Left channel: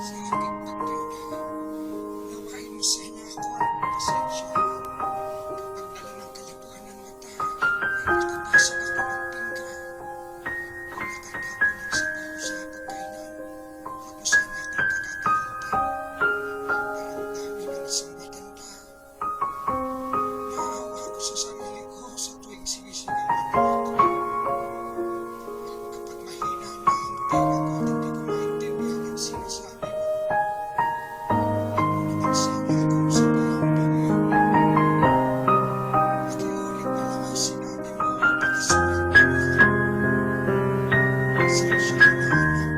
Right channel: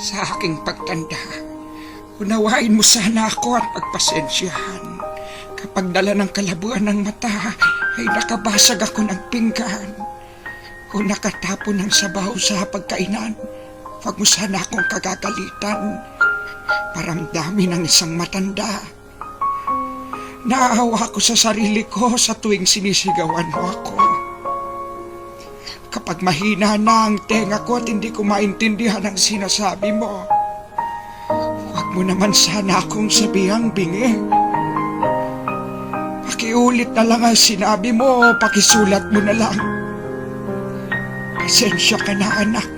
Sa aking pagtanda, unawain mo sana ako at pagpasensyahan. Kapag dala ng kalabuan ng mata, ay nakabasag ako ng pinggan. O nakatapon ng sabaw sa pagkainan, huwag mo sana akong kagagalitan. Paramdamin ng isang matanda. Naawa ko sa sarili ko sa tuwing sinisigawan mo ako. Kapag mahina na ang tenga ko at hindi ko maintindihan ang sinasabi mo, huwag mo naman sana akong sabihang bingi. Pakiulit na lang ang sinabi mo, pakisulat mo na lang. Pasensya ka na, anak.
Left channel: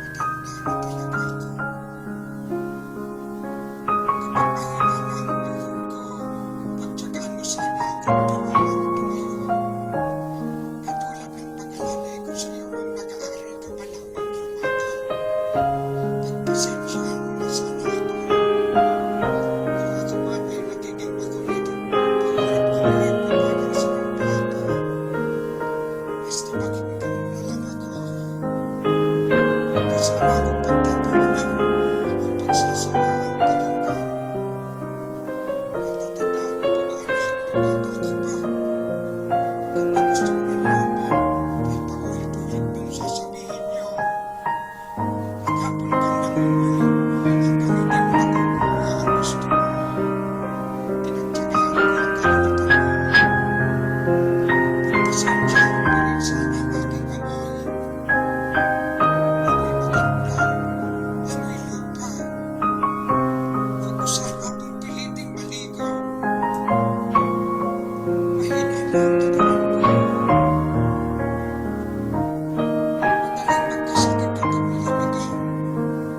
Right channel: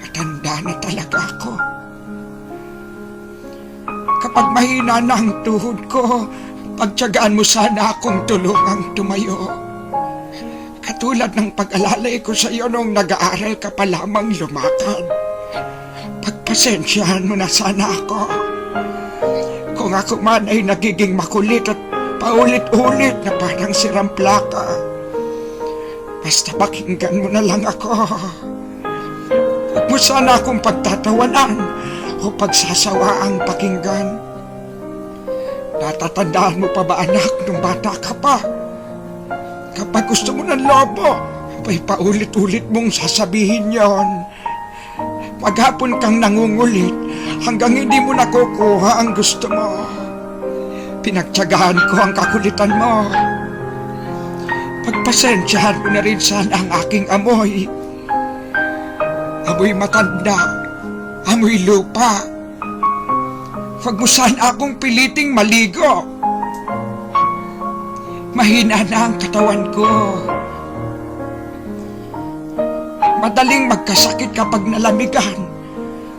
Matanda na talaga ako. Kapag mahina na ang tuhod ko, pagtiyagaan mo sana akong tulungang tumayo. Katulad ng pag-alalay ko sa iyo nung nag-aaral ka pa lamang lumakad. Pagpasensyahan mo na sana ako. Kung ako man ay nagiging makulit at paulit-ulit na parang sirang plaka, basta pakinggan mo na lang ako. Huwag mo sana akong pagtatawanan o pagsasawaang pakinggan. Natatandaan mo pa ba, anak, nung bata ka pa? Kapag gusto mo ng lobo, ay paulit-ulit mong sasabihin yon. Maghapon kang nangungulit hanggang hindi mo nakukuha ang gusto mo. Pinagtyagaan ko ang kakulitan mo. Pagpasensyahan mo na rin sana ang aking amoy. Amoy matanda, amoy lupa. Huwag mo sana akong piliting maligo. Mahina na ang katawan ko. Madaling magkasakit kapag nalamigan.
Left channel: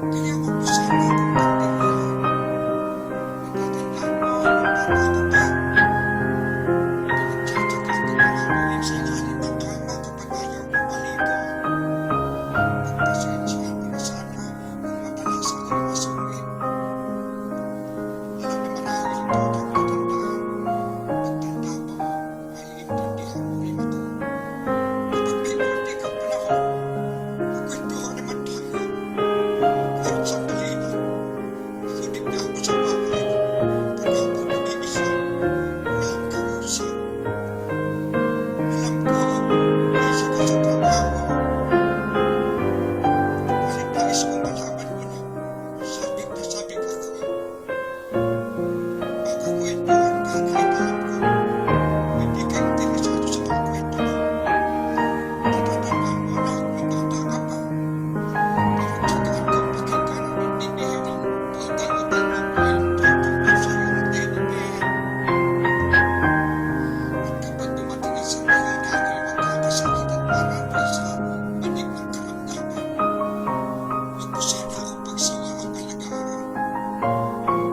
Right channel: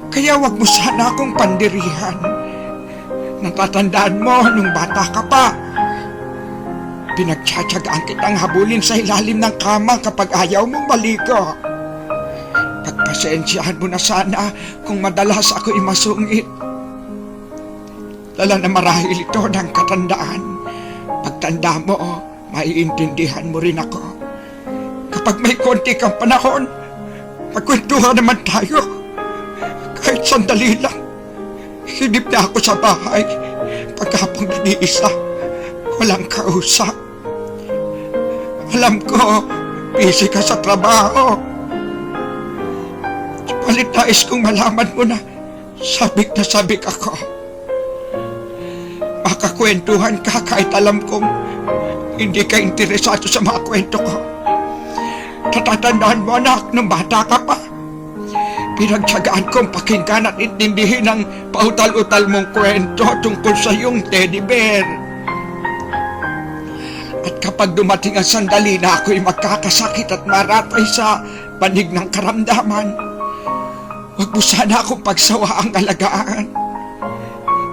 Kaya wag mo sana akong pandirihan. Natatandaan mo nung bata ka pa. Pinagtsatsagaan kitang habulin sa ilalim ng kama kapag ayaw mong maligo. Pagpasensyahan mo na sana kung madalas ako'y masungit. Lala na marahil ito ng katandaan. Pagtanda mo, maiintindihan mo rin ako. Kapag may konti kang panahon, magkwentuhan naman tayo. Kahit sandali lang. Hinip na ako sa bahay. Pagkapong nag-iisa, walang kausap. Alam ko, busy ka sa trabaho. Subalit nais kong malaman mo na sabik na sabik ako. Makakwentuhan ka kahit alam kong hindi ka interesado sa mga kwento ko. Natatandaan mo, anak, nung bata ka pa. Pinagtyagaan kong pakinggan at intindihin ang pautal-utal mong kwento tungkol sa iyong teddy bear. At kapag dumating ang sandali na ako'y magkakasakit at maratay sa banig ng karamdaman, huwag mo sana akong pagsawaang alagaan.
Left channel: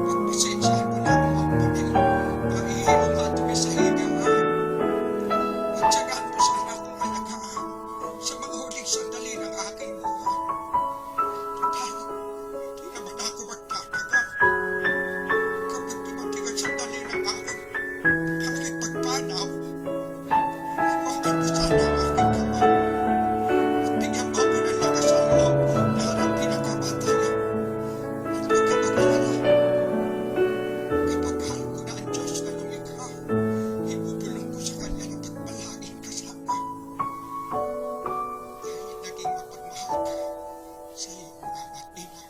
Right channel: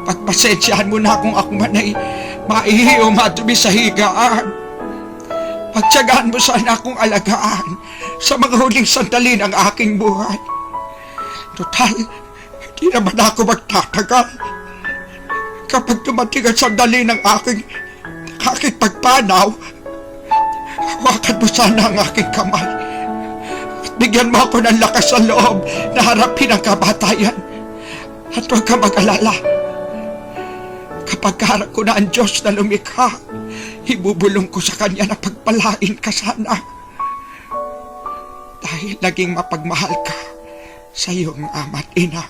Pagpasensyahan mo na kung ako man ay maihi o matubi sa higaan. Pagtiyagaan mo sana akong alagaan sa mga huling sandali ng aking buhay. Total, hindi naman ako magtatagal. Kapag dumating ang sandali ng aking pagpanaw, hawakan mo sana ang aking kamay at bigyan mo ako ng lakas sa loob na harapin ang kamatayan. At huwag ka mag-alala. Kapag harap ko na ang Diyos na lumikha, ibubulong ko sa Kanya na pagpalain ka sana. Dahil naging mapagmahal ka sa iyong ama't ina.